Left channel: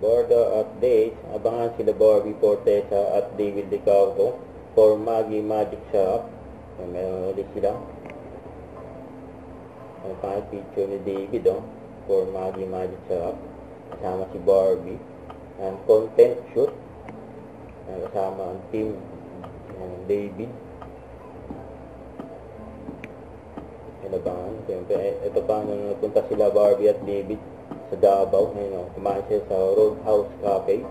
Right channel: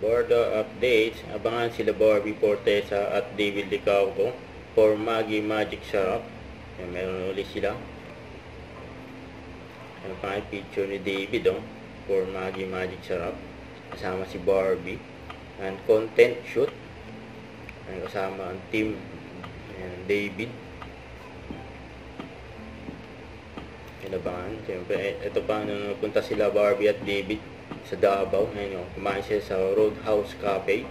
Bordo updates. Abangan sila Barbie Fortesa at David Licauco for Maggie Magic Shop. Yan, meron ulit sila. Yan pa yung picture ni David for Maggie Magic Shop. Kasama si Barbie. And content shoot. Yan, kasama ang team. Yan, David. Inabangan. Siyempre, ito pa nung napunta sila Barbie at David sa Davao. Ngayon, kumain siya sa Roadhouse Cafe.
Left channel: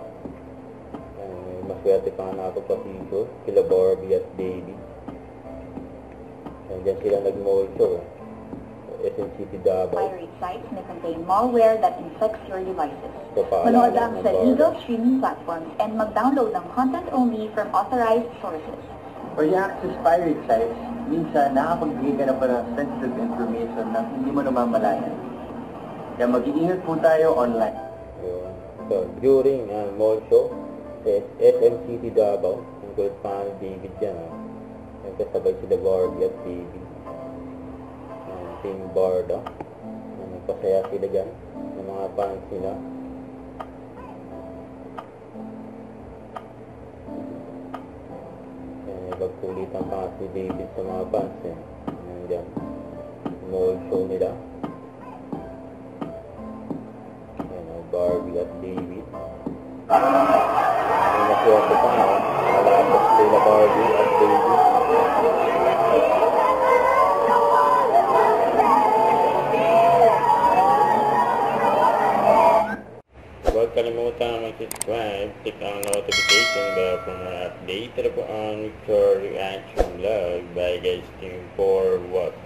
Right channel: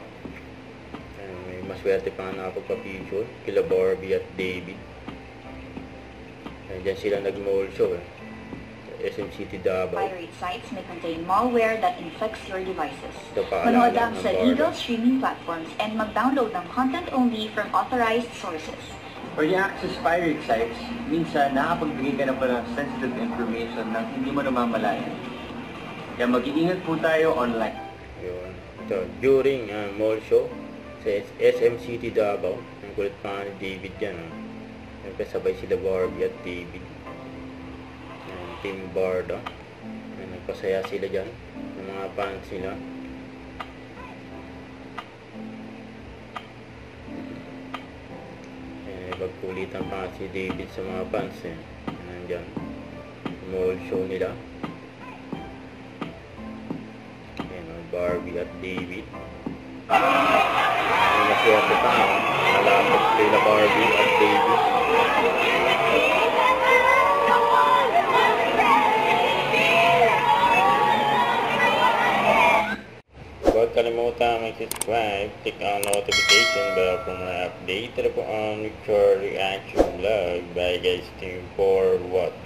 May maswerte pa nga nakapagpa-picture kila Barbie at David. Diyan sila nag-mall show SM City Davao. Pirate sites may contain malware that infects your devices. Paalala Manood lang ng sa Barda. legal streaming platforms and mag-download ng content only from authorized sources. When you access pirate sites, minsan nakapagbigay ka na pa ng sensitive information na hindi mo namamalayan. Kaya mag-iingat po tayo online. Ayun. Ito, during mall show sa SM City Davao, ang kulit pa ni David yan. Siyempre sabay sila Barbie at David. Team Barda. Nagpasaya sila dyan ng mga fans nila. Pagkulitan pa si David sa mga fans nandyan mall show nila. Barbie at David. Maswerte pa malapit kila Barbie at David. Huwag kalimutan mag-subscribe, click ang notification bell for more update. Ito po ang Victor Reaction Vlog. Bye guys, team for what?